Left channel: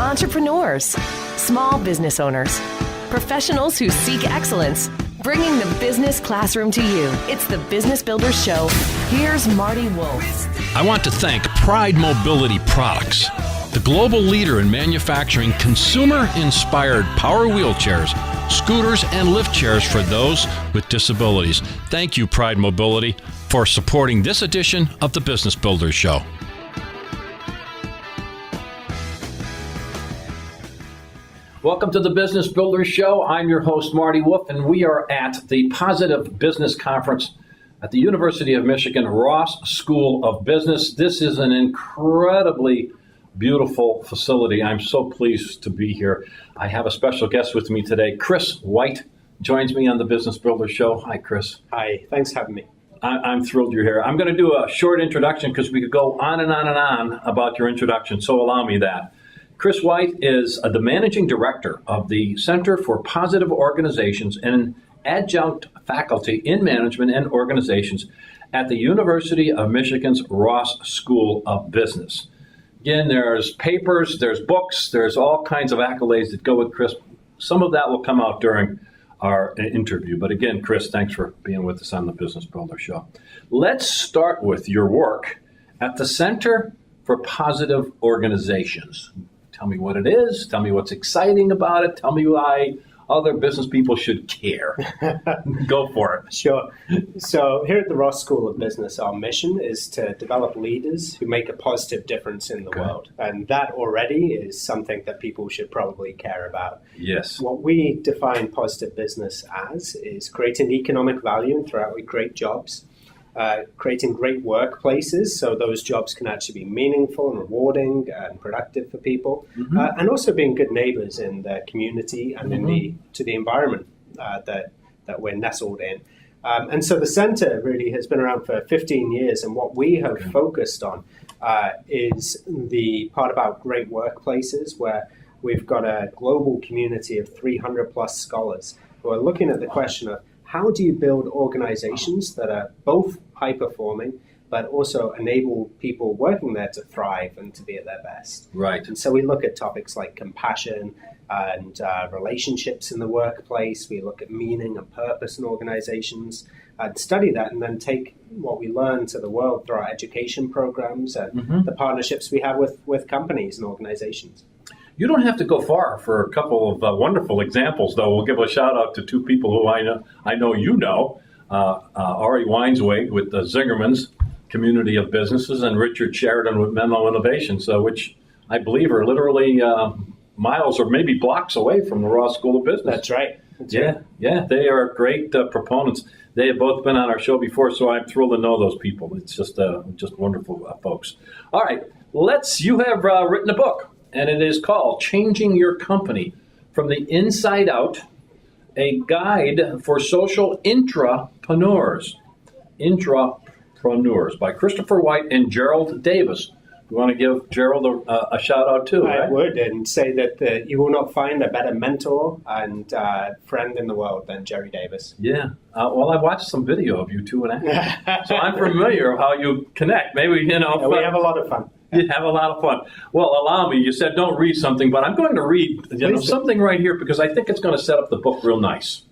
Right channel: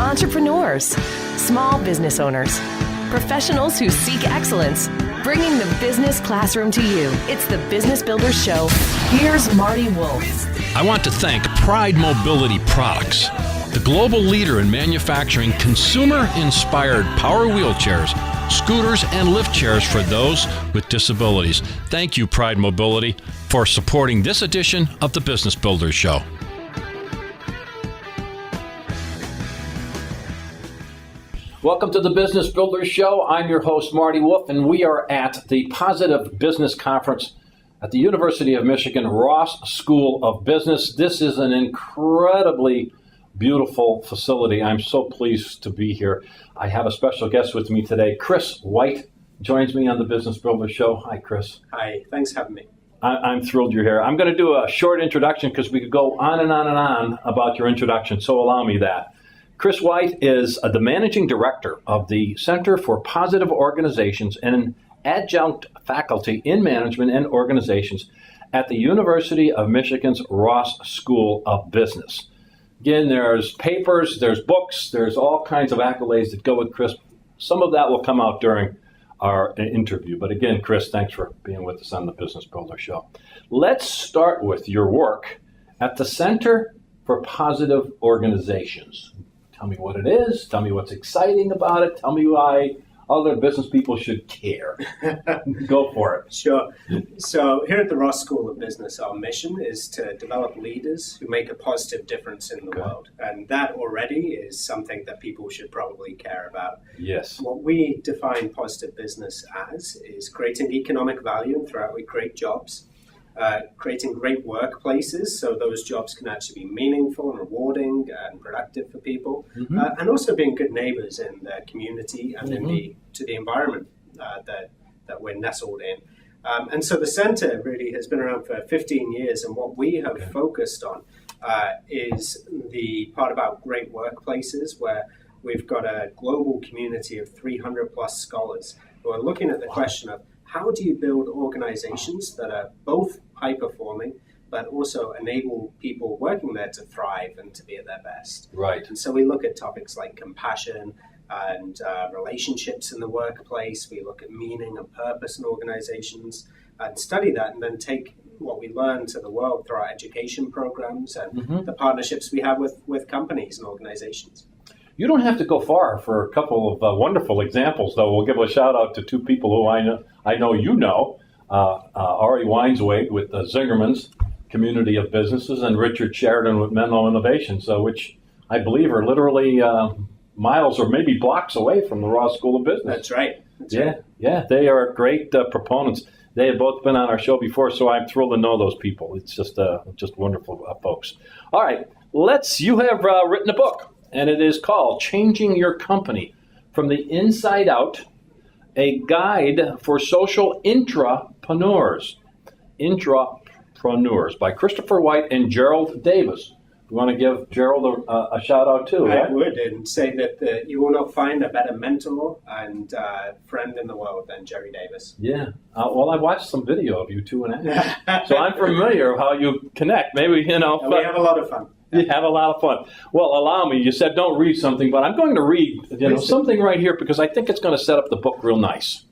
entrepreneurs, small business owners, professionals who seek excellence, bringing the business classroom to you. It's the Business Builders Show. Here's Marty Wolf. I want to thank Pride Mobility Products, the global leader in manufacturing consumer-inspired power wheelchairs, scooters, and lift chairs for those with disabilities. Thank you, Pride Mobility, for supporting this edition of the Business Builders Show. Welcome to the Business Builders Show. I'm your host, Marty Wolf, and we are at the Positive Business Conference at the University of Michigan Ross School of Business. This is an incredibly beautiful facility. I'm so pleased to be here. I have a special guest with me today. Chris White joins me on the Business Builders Show. Hi, Chris. Hi, thanks for having me. I'm thrilled you're here. I'm going to do a short introduction because we could go on and on and on about your introduction, so allow me that. Chris White is the managing director of the Center for Positive Organizations and adjunct faculty in management and organizations at the University of Michigan's Ross School of Business. Again, there's papers, there's books, there's all kinds of accolades that go with Chris. Some of that will come out during our interview. But again, Chris, thanks for being with us on the Business Builder Show. Let's start with your work at the Center for Positive Organizations. Tell me what it is. Tell me what's exciting about it. Tell me why other business people should care. Go for it. Sure. So here at the Ross School of Business, our mission is to develop leaders who make a positive difference in the world. And that already is something that people should probably care about. Yes. What we define positive business as is creating economic value and throwing great jobs. Creating great workplaces so those jobs can actually be meaningful and rewarding and productive for people, and also being good neighbors in the community and to the environment that we're nestled in. And so the center really has been around for 15 years, and what we have focused on is the part about great workplaces, where we've got a global community of 300 plus scholars who are looking at the question of how do you build organizations that are both high-performing, but also enable people working there to thrive and to be at their best? Right. And so we look at topics like compassion and relationships in the workplace. We look at meaning and purpose in organizations and study that, and then take what we learn to the world through our education programs and the partnerships we have with companies and organizations. You don't have to go far for a couple of wonderful examples, though. We'll give a shout out to two people who I know you know, Ari Weinsweg with the Zingerman's community of businesses, and Richard Sheridan with Menlo Innovations, which I believe are literally miles or maybe blocks away from the Ross School of Business. That's right. Yeah, they are great proponents. They have both been on our show before, so I'm thrilled to know those people. It's just wonderful folks. All right, you have written a book, and it is called Changing Your Company from the Inside Out, a guide for social intrapreneurs. Intrapreneurs by Christopher White and Gerald Davis. You want to give Gerald a shout out too, right? I would, and say that you will not find a better mentor and friend in the world than Jerry Davis. Yeah. Well, I've watched some video of you two, so I'm familiar with how you connect. Maybe, we have a lot of fun. You have a lot of fun. Well, allow me. You said don't read something, but I'm going to read something right here because I think it's going to set up the book real nice.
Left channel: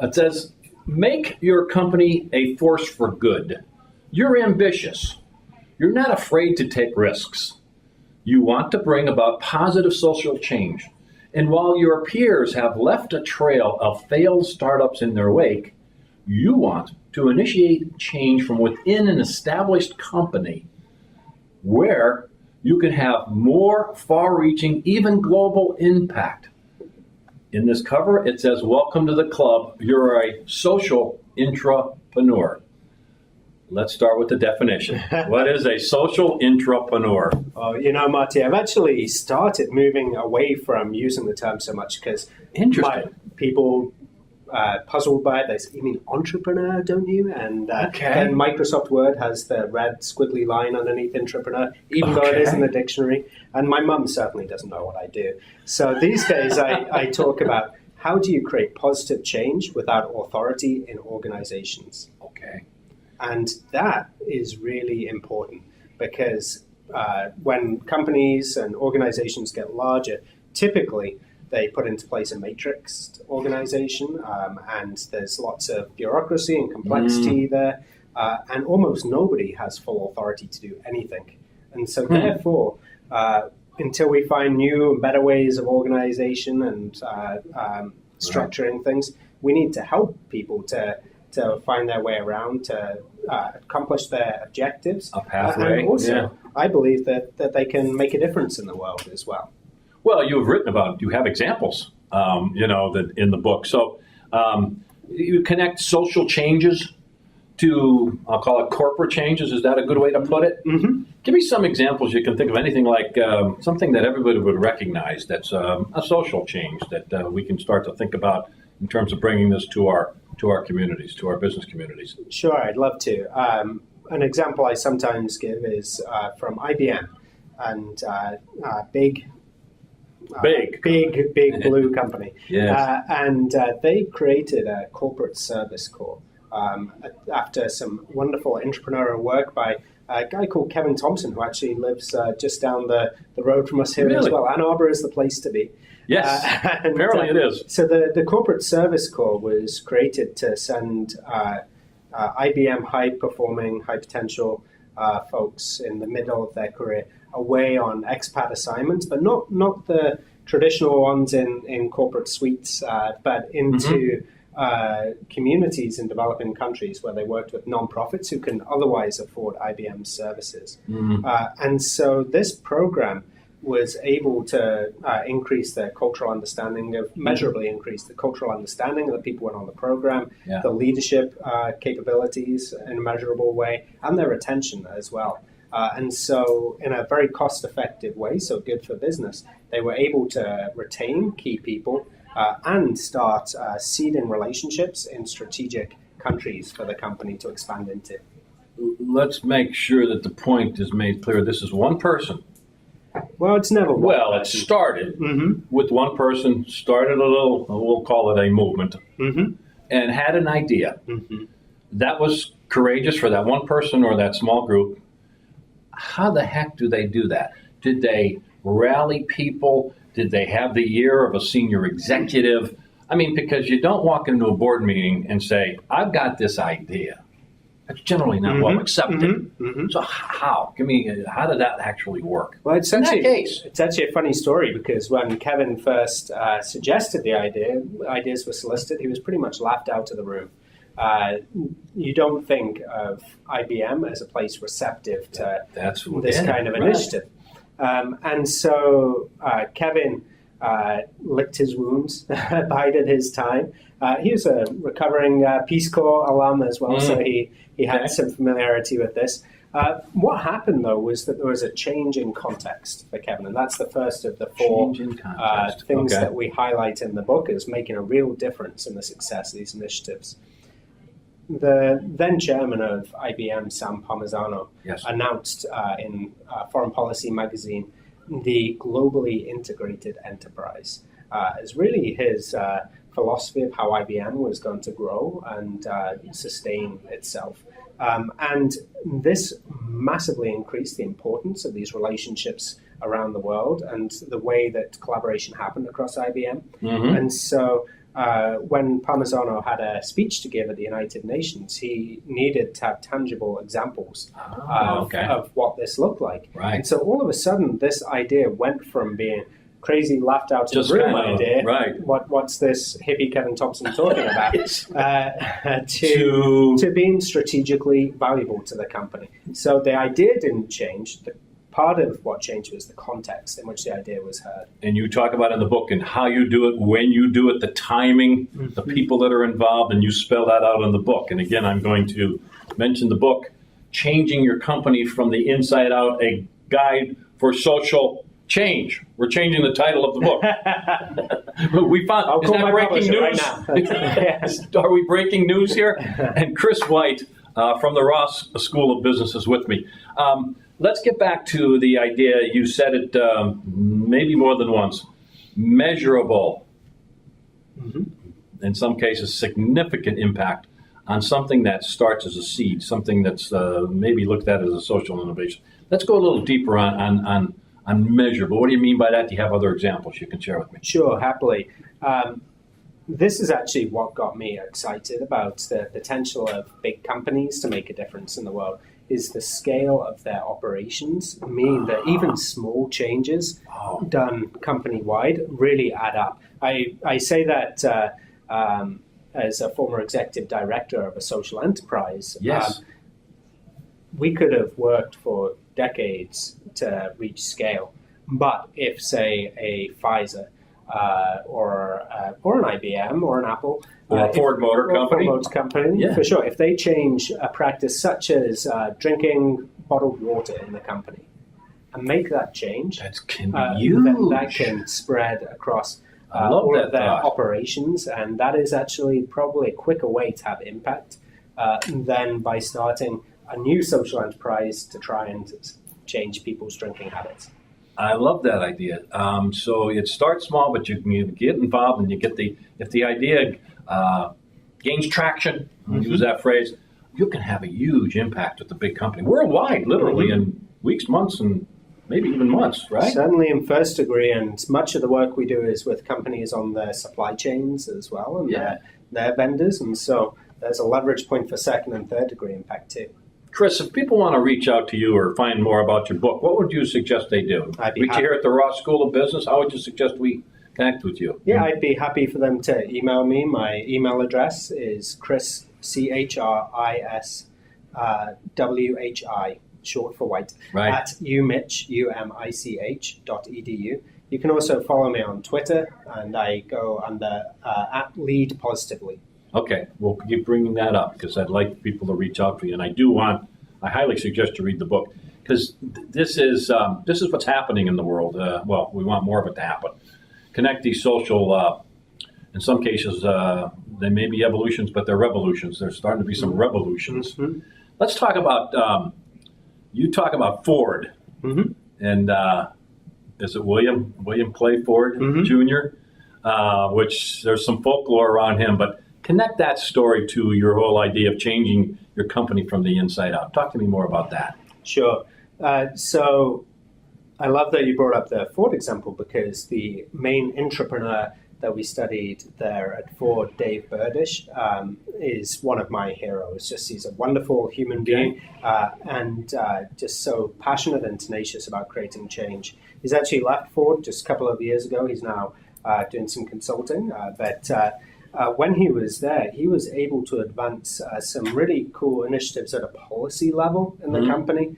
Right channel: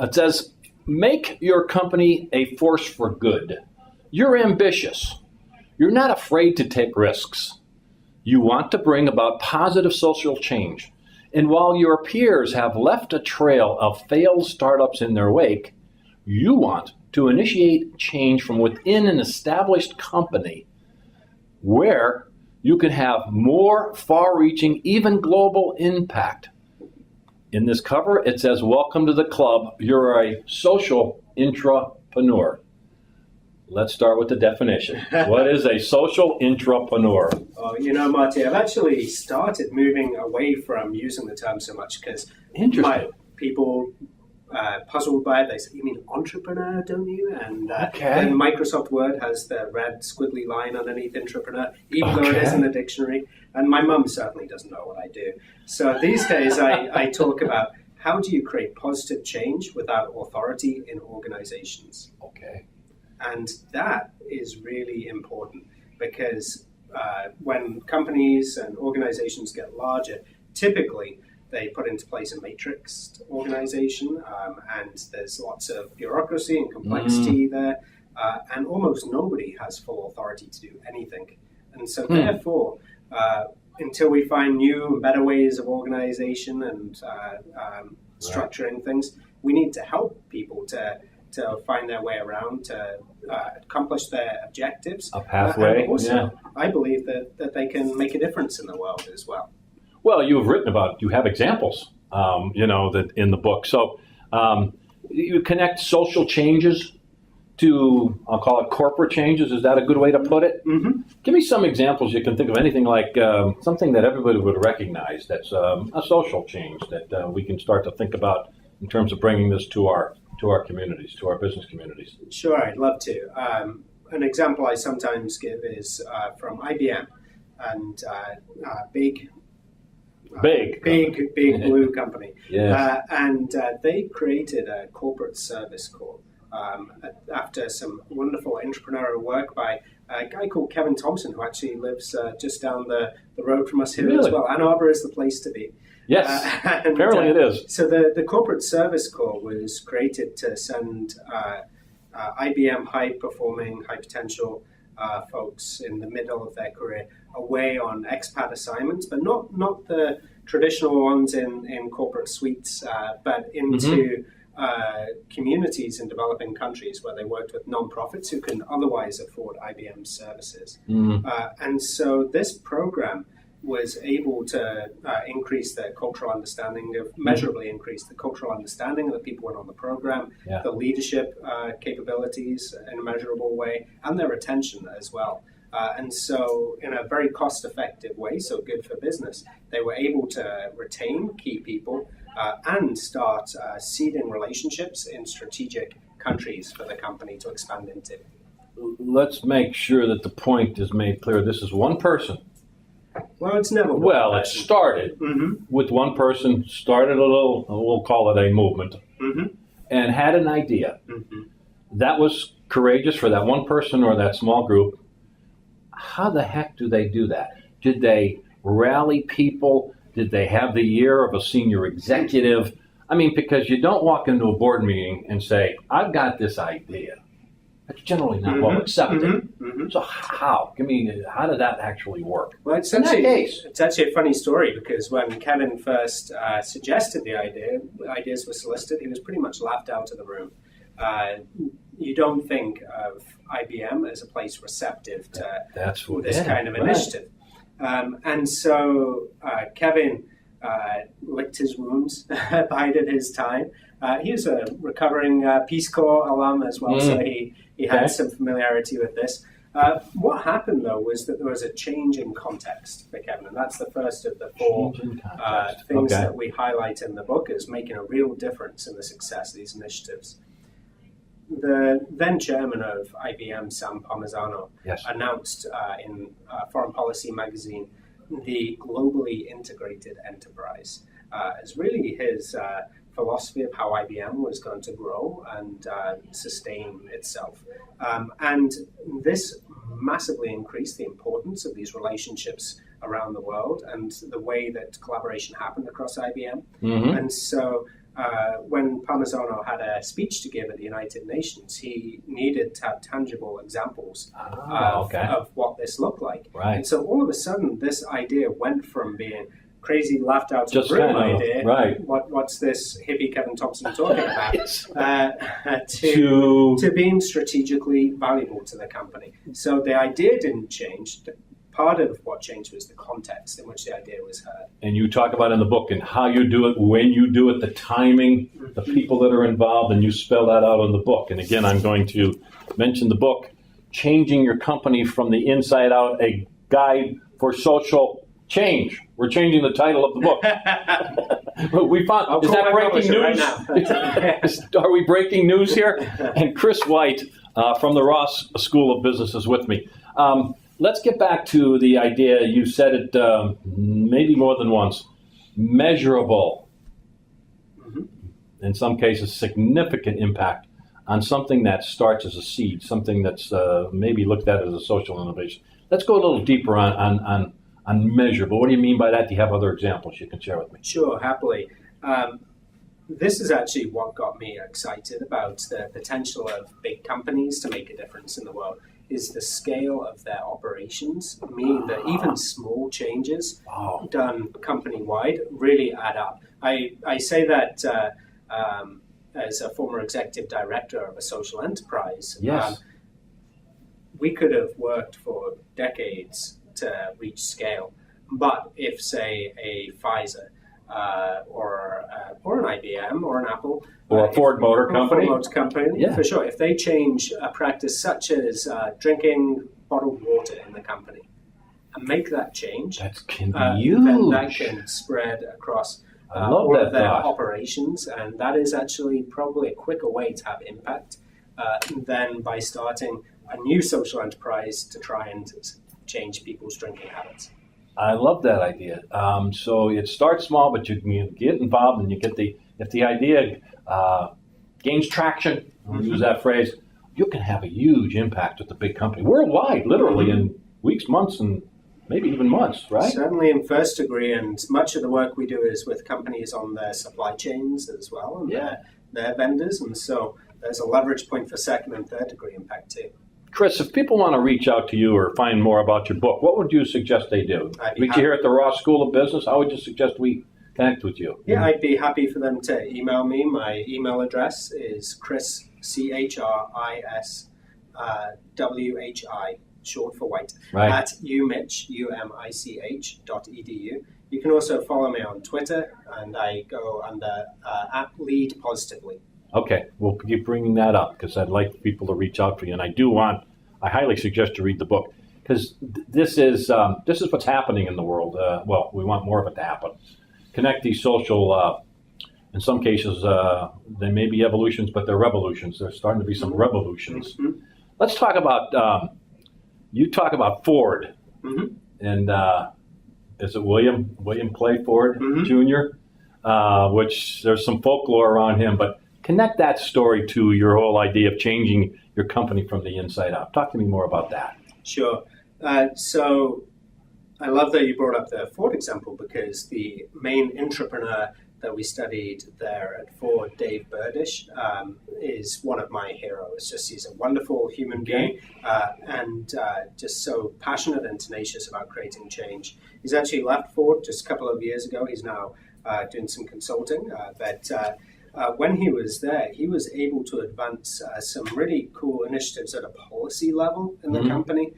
It says, make your company a force for good. You're ambitious. You're not afraid to take risks. You want to bring about positive social change. And while your peers have left a trail of failed startups in their wake, you want to initiate change from within an established company where you can have more far-reaching, even global impact. In this cover, it says, welcome to the club. You're a social intrapreneur. Let's start with the definition. What is a social intrapreneur? Oh, Marty, I've actually started moving away from using the term so much because people puzzled by it. They say, you mean entrepreneur, don't you? And then Microsoft Word has the red squiggly line underneath intrapreneur, even though it is in the dictionary. And my mum certainly doesn't know what I do. So these days I talk about how do you create positive change without authority in organizations. Okay. And that is really important because when companies and organizations get larger, typically they put into place a matrixed organization, and there's lots of bureaucracy and complexity there, and almost nobody has full authority to do anything. And so therefore, until we find new and better ways of organization and structuring things, we need to help people to find their way around, to accomplish their objectives. A pathway. And also, I believe that they can make a difference in the world as well. Well, you have written about it. You have examples, that in the book. So you connect social changes to, I'll call it corporate changes. Is that a good way to put it? Mm-hmm. Give me some examples you can think of, anything like something that everybody would recognize that's a social change that we can start to think about in terms of bringing this to our communities, to our business communities. Sure, I'd love to. An example I sometimes give is from IBM, and big blue company. Yes. And they created a corporate service corps after some wonderful entrepreneurial work by a guy called Kevin Thompson, who actually lives just down the road from us here as well. Ann Arbor is the place to be. Yes, apparently it is. So the corporate service corps was created to send IBM high-performing, high-potential folks in the middle of their career away on expat assignments, but not the traditional ones in corporate suites, but into communities in developing countries where they worked with nonprofits who can otherwise afford IBM's services. And so this program was able to increase their cultural understanding measurably increase the cultural understanding of the people who went on the program, the leadership capabilities in a measurable way, and their retention as well. And so in a very cost-effective way, so good for business, they were able to retain key people and start seeding relationships in strategic countries for the company to expand into. Let's make sure that the point is made clear. This is one person. Well, it's never one Well, person. it started with one person, started a little, we'll call it a movement, and had an idea. That was courageous for that one person or that small group. How the heck do they do that? Did they rally people? Did they have the ear of a senior executive? I mean, because you don't walk into a board meeting and say, I've got this idea. That's generally not well accepted. So how? How did that actually work? Well, it's actually a funny story, because when Kevin first suggested the ideas were solicited, he was pretty much laughed out of the room. You don't think of IBM as a place receptive to this kind of initiative. And so Kevin licked his wounds, bided his time. He was a recovering Peace Corps alum as well, so he had some familiarity with this. What happened, though, was that there was a change in context for Kevin, and that's the first of the four things that we highlight in the book as making a real difference in the success of these initiatives. The then chairman of IBM, Sam Palmisano, announced in Foreign Policy magazine the globally integrated enterprise as really his philosophy of how IBM was going to grow and sustain itself. And this massively increased the importance of these relationships around the world and the way that collaboration happened across IBM. And so when Palmisano had a speech to give at the United Nations, he needed to have tangible examples of what this looked like. And so all of a sudden, this idea went from being crazy, laughed out of the room idea, what's this hippie Kevin Thompson talking about, to being strategically valuable to the company. So the idea didn't change. Part of what changed was the context in which the idea was heard. And you talk about in the book and how you do it, when you do it, the timing, the people that are involved, and you spell that out in the book. And again, I'm going to mention the book, Changing Your Company from the Inside Out, a Guide for Social Change. We're changing the title of the book. We found, is that breaking news? Right now. Are we breaking news here? And Chris White from the Ross School of Business is with me. Let's get back to the idea. You said it maybe more than once. Measurable. In some cases, significant impact on something that starts as a seed, something that's maybe looked at as a social innovation. Let's go a little deeper on measurable. What do you mean by that? Do you have other examples you can share with me? Sure, happily. This is actually what got me excited about the potential of big companies to make a difference in the world, is the scale of their operations, meaning that even small changes done company-wide really add up. I say that as a former executive director of a social enterprise. Yes. We could have worked for decades to reach scale, but if, say, a Pfizer or an IBM or an Apple or a Ford Motor Company, for sure, if they change a practice such as drinking bottled water in the company and make that change, that can be huge. Then that can spread across all of their operations, and that is actually probably a quicker way to have impact than by starting a new social enterprise to try and change people's drinking habits. I love that idea. So it starts small, but you can get involved, and you get if the idea gains traction, use that phrase, you can have a huge impact with the big company worldwide, literally in weeks, months, and maybe even months, right? Certainly in first degree, and much of the work we do is with companies on their supply chains as well, and their vendors, and so there's a leverage point for second and third degree impact too. Chris, if people want to reach out to you or find more about your book, what would you suggest they do? Meet you here at the Ross School of Business. How would you suggest we connect with you? Yeah, I'd be happy for them to email me. My email address is Chris, CHRIS, WHI, short for white, at umich.edu. You can also follow me on Twitter, and I go under at Lead Positively. Okay, we'll keep bringing that up because I'd like people to reach out to you, and I highly suggest you read the book because this is what's happening in the world. Well, we want more of it to happen. Connect these social, in some cases, they may be evolutions, but they're revolutions. There's starting to be some revolutions. Mm-hmm. Let's talk about, you talk about Ford, and is it William Clay Ford Jr., which there's some folklore around him, but connect that story to your whole idea of changing your company from the inside out. Talk to me more about that. Sure. So I love that you brought up the Ford example because the main intrapreneur that we studied there at Ford, Dave Burdish, is one of my heroes. He's a wonderful human being and just so passionate and tenacious about creating change. He's actually left Ford just a couple of years ago. He's now doing some consulting, but when he was there, he was able to advance some really cool initiatives at a policy level in the company,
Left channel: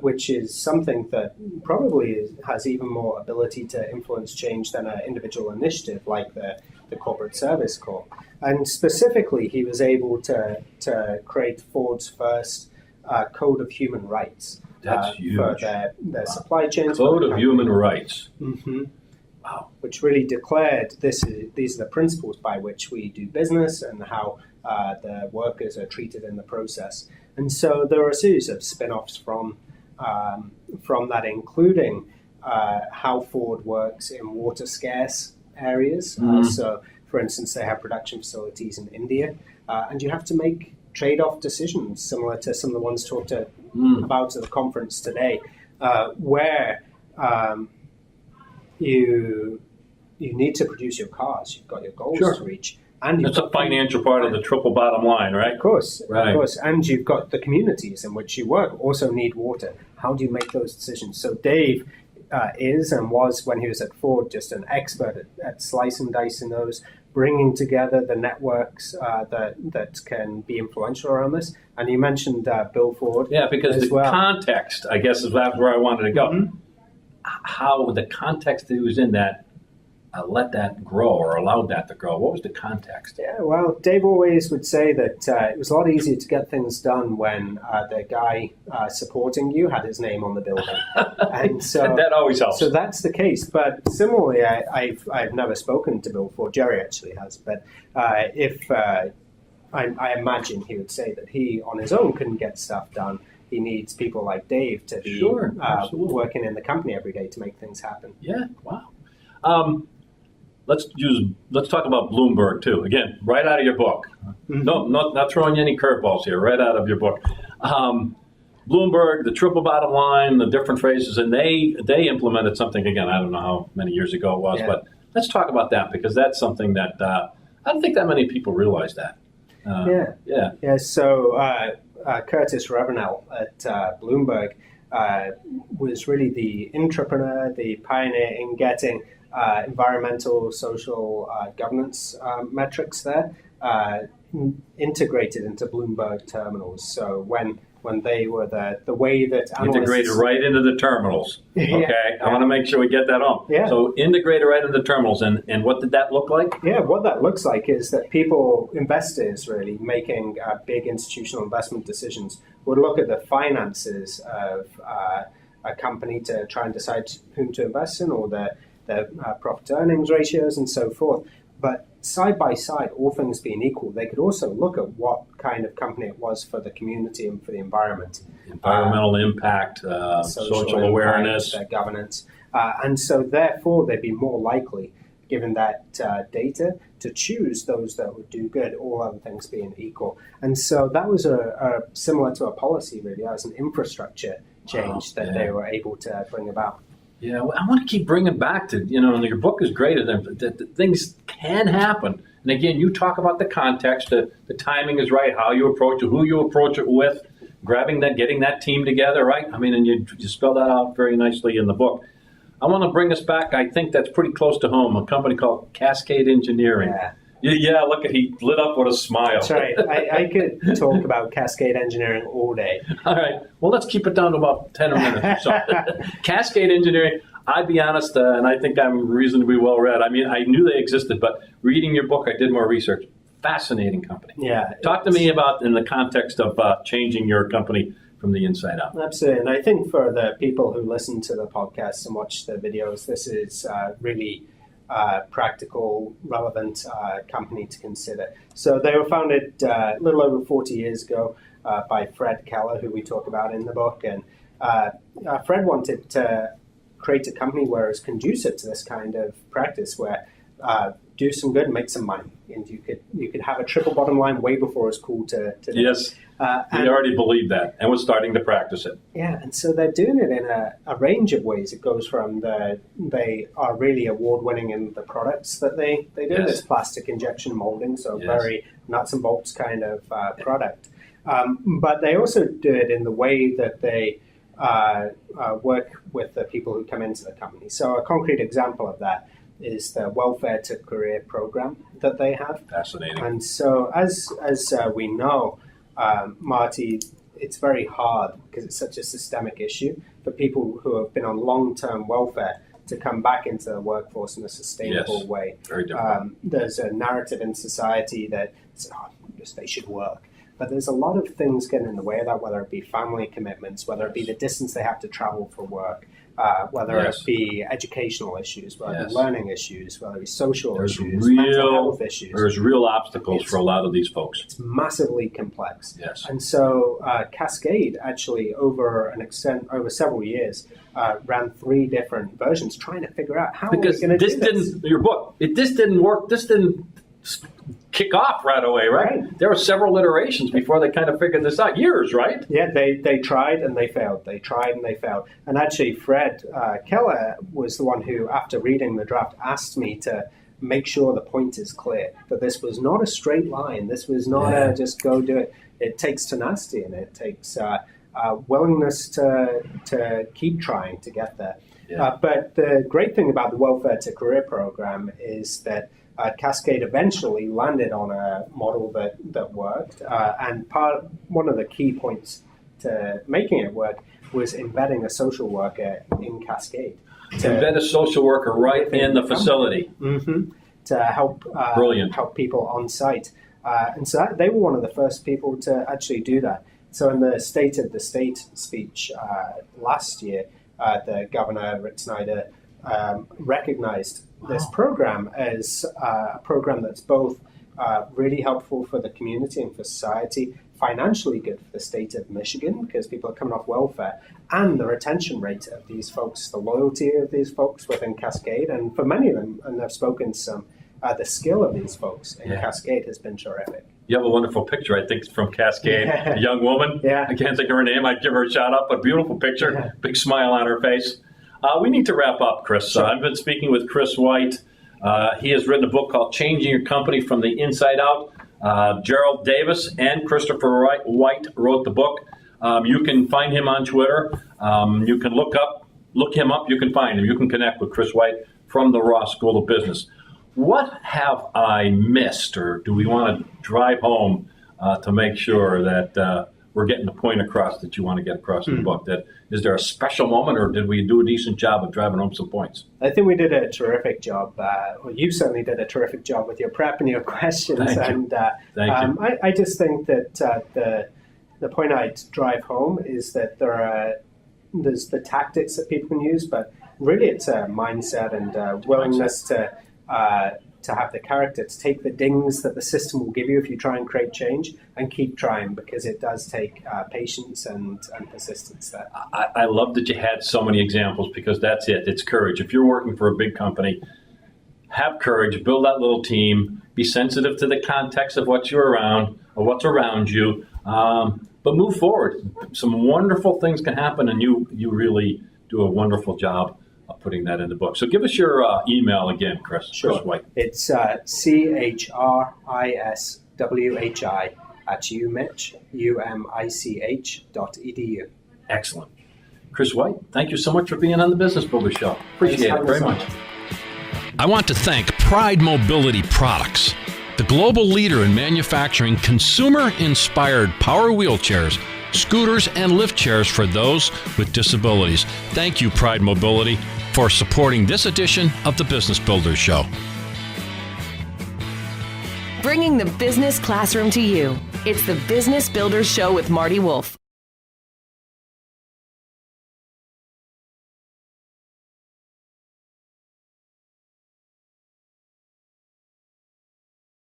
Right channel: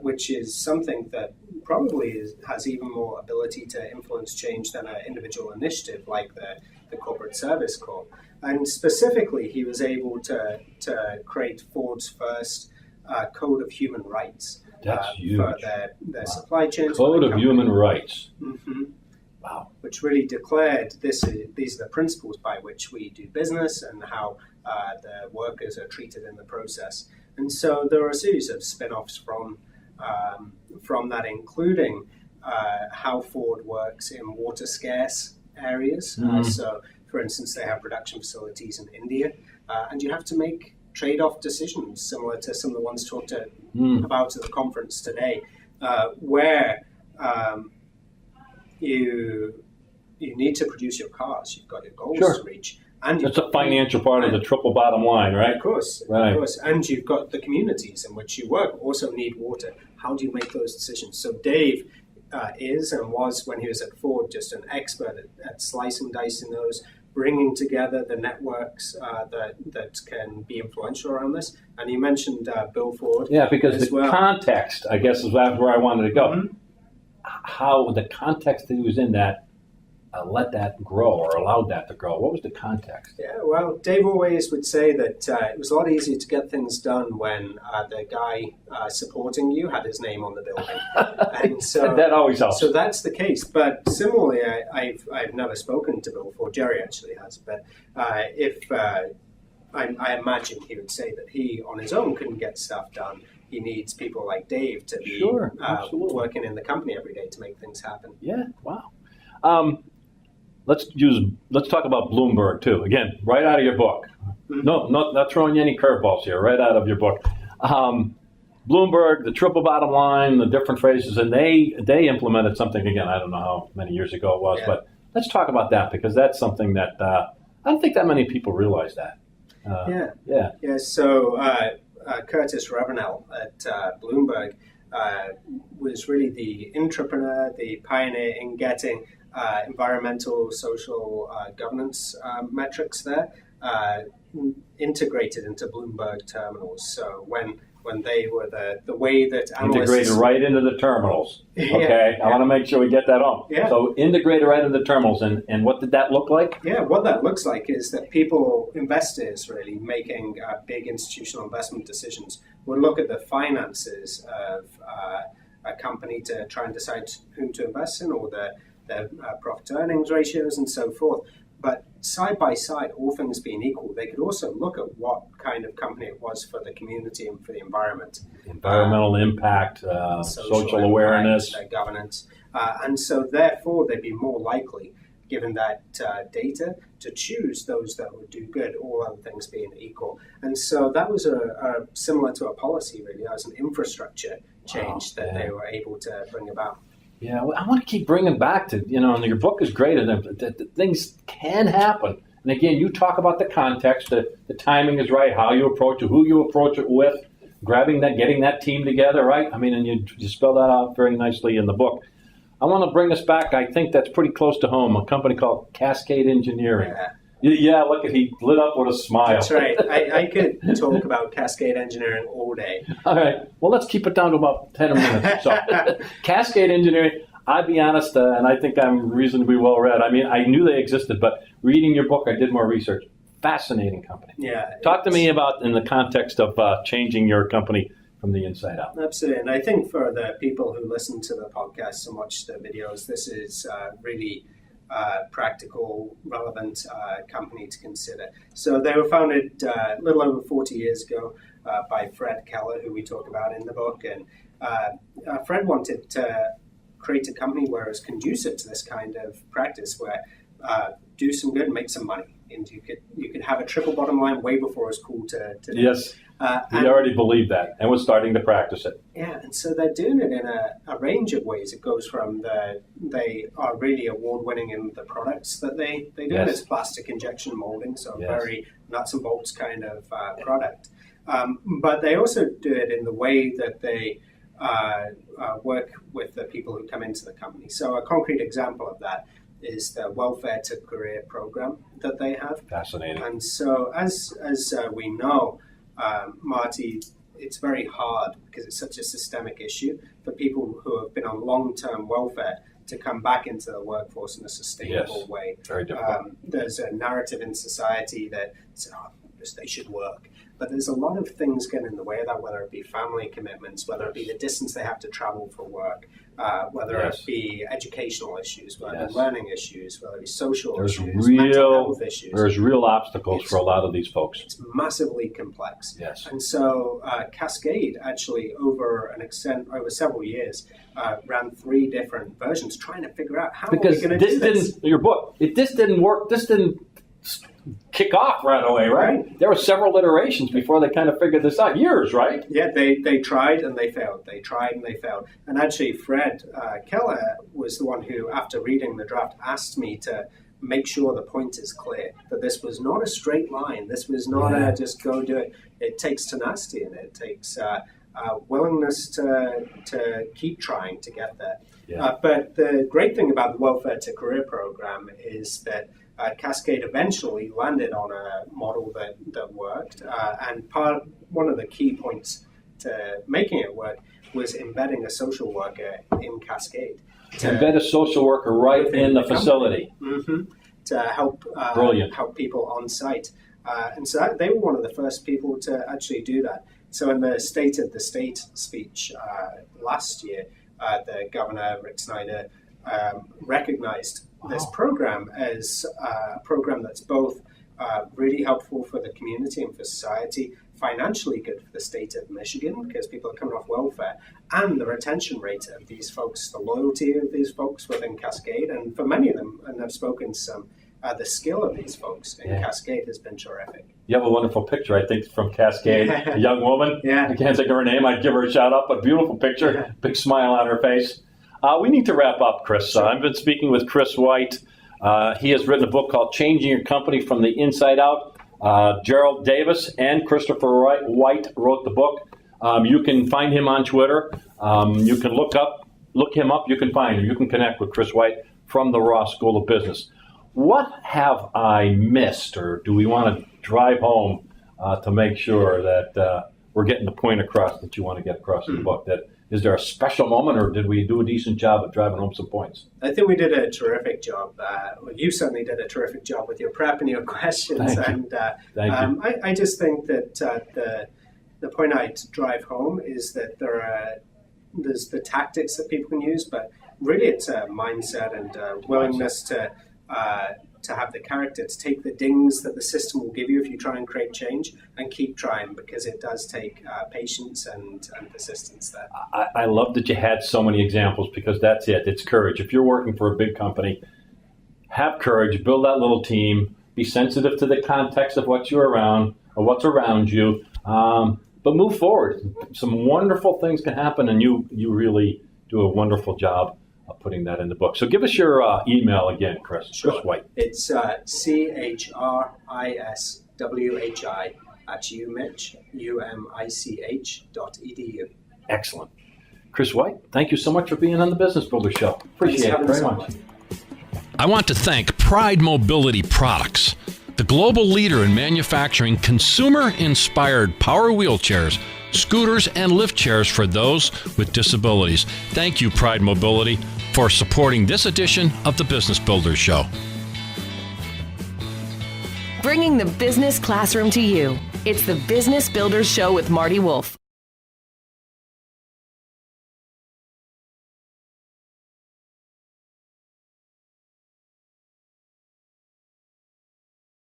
which is something that probably has even more ability to influence change than an individual initiative like the Corporate Service Corps. And specifically, he was able to create Ford's first Code of Human Rights. That's huge. For their supply chains. Code of Human Rights. Mm-hmm. Wow. Which really declared these are the principles by which we do business and how the workers are treated in the process. And so there are a series of spin-offs from that, including how Ford works in water-scarce areas. So, for instance, they have production facilities in India, and you have to make trade-off decisions similar to some of the ones talked about at the conference today, where you need to produce your cars. You've got your goals to reach. And that's a financial part of the triple bottom line, right? Of course. And you've got the communities in which you work also need water. How do you make those decisions? So Dave is and was, when he was at Ford, just an expert at slicing and dicing those, bringing together the networks that can be influential around this. And you mentioned Bill Ford. Yeah, because context, I guess, is where I wanted to go. How the context that he was in that let that grow or allowed that to grow. What was the context? Yeah, well, Dave always would say that it was a lot easier to get things done when the guy supporting you had his name on the building. And so that always helps. So that's the case. But similarly, I've never spoken to Bill Ford. Jerry actually has. But I imagine he would say that he, on his own, couldn't get stuff done. He needs people like Dave to be working in the company every day to make things happen. Yeah, wow. Let's talk about Bloomberg too. Again, right out of your book. No, not throwing you any curveballs here. Right out of your book. Bloomberg, the triple bottom line, the different phrases, and they implemented something again. I don't know how many years ago it was, but let's talk about that because that's something that I don't think that many people realize that. So Curtis Ravenel at Bloomberg was really the intrapreneur, the pioneer in getting environmental, social governance metrics there integrated into Bloomberg terminals. So when they were the way that analysts... Integrated right into the terminals. Okay, I want to make sure we get that on. Yeah. So integrated right into the terminals, and what did that look like? Yeah, what that looks like is that investors really making big institutional investment decisions would look at the finances of a company to try and decide whom to invest in or the profit to earnings ratios and so forth. But side by side, all things being equal, they could also look at what kind of company it was for the community and for the environment. Environmental impact, social awareness. Their governance. And so therefore, they'd be more likely, given that data, to choose those that would do good, all other things being equal. And so that was a similar to a policy, really. That was an infrastructure change that they were able to bring about. Yeah, well, I want to keep bringing back to, and your book is great, and that things can happen. And again, you talk about the context, the timing is right, how you approach it, who you approach it with, getting that team together, right? I mean, and you spelled that out very nicely in the book. I want to bring us back, I think that's pretty close to home, a company called Cascade Engineering. Yeah, look, he lit up with a smile. That's right. I could talk about Cascade Engineering all day. All right. Well, let's keep it down to about 10 minutes. So, Cascade Engineering, I'd be honest, and I think I'm reasonably well read. I mean, I knew they existed, but reading your book, I did more research. Fascinating company. Yeah. Talk to me about in the context of changing your company from the inside out. Absolutely. And I think for the people who listen to the podcast and watch the videos, this is really practical, relevant company to consider. So they were founded a little over 40 years ago by Fred Keller, who we talk about in the book. And Fred wanted to create a company where it's conducive to this kind of practice, where do some good, make some money, and you could have a triple bottom line way before it's cool to yes. We already believe that, and we're starting to practice it. Yeah, and so they're doing it in a range of ways. It goes from they are really award-winning in the products that they do. Yes. This plastic injection molding, so very nuts and bolts kind of product. But they also do it in the way that they work with the people who come into the company. So a concrete example of that is the Welfare to Career program that they have. Fascinating. And so as we know, Marty, it's very hard because it's such a systemic issue for people who have been on long-term welfare to come back into the workforce in a sustainable way. Very difficult. There's a narrative in society that says, they should work. But there's a lot of things getting in the way of that, whether it be family commitments, whether it be the distance they have to travel for work, whether it be educational issues, whether it be learning issues, whether it be social issues, mental health issues. There's real obstacles for a lot of these folks. It's massively complex. Yes. And so Cascade actually, over several years, ran 3 different versions trying to figure out how are we going to do this. Your book, this didn't work. This didn't kick off right away, right? There were several iterations before they kind of figured this out. Years, right? Yeah, they tried and they failed. They tried and they failed. And actually, Fred Keller was the one who, after reading the draft, asked me to make sure the point is clear, that this was not a straight line. This was not a just go do it. It takes tenacity and it takes willingness to keep trying to get there. Yeah. But the great thing about the Welfare to Career program is that Cascade eventually landed on a model that worked, and one of the key points to making it work was embedding a social worker in Cascade. Embed a social worker right in the facility. Mm-hmm. To help people on site. And so they were one of the first people to actually do that. So in the State of the State speech last year, the Governor, Rick Snyder, recognized this program as a program that's both really helpful for the community and for society, financially good for the state of Michigan because people are coming off welfare, and the retention rate of these folks, the loyalty of these folks within Cascade, and for many of them, and I've spoken to some the skill of these folks in Cascade has been terrific. You have a wonderful picture, I think, from Cascade. A young woman. Yeah. I can't think of her name. I'd give her a shout out, but beautiful picture. Yeah. Big smile on her face. We need to wrap up, Chris. Sure. I've been speaking with Chris White. He has written a book called Changing Your Company from the Inside Out. Gerald Davis and Christopher White wrote the book. You can find him on Twitter. You can look him up. You can find him. You can connect with Chris White from the Ross School of Business. What have I missed, or do we want to drive home to make sure that we're getting the point across that you want to get across in the book? That is there a special moment, or did we do a decent job of driving home some points? I think we did a terrific job. Well, you certainly did a terrific job with your prep and your questions. Thank you. I just think that the point I'd drive home is that there's the tactics that people can use, but really it's a mindset and willingness to have the character to take the dings that the system will give you if you try and create change and keep trying, because it does take patience and persistence there. I love that you had so many examples, because that's it. It's courage. If you're working for a big company, have courage, build that little team, be sensitive to the context of what you're around or what's around you, but move forward. Some wonderful things can happen, and you really do a wonderful job of putting that in the book. So give us your email again, Chris. Sure. Chris White. It's CHRISWHI@umich.edu. Excellent. Chris White, thank you so much for being on the Business Builder Show. Appreciate it very much. I want to thank Pride Mobility Products, the global leader in manufacturing consumer-inspired power wheelchairs, scooters, and lift chairs for those with disabilities. Thank you, Pride Mobility, for supporting this edition of the Business Builders Show. Bringing the business classroom to you. It's the Business Builders Show with Marty Wolf.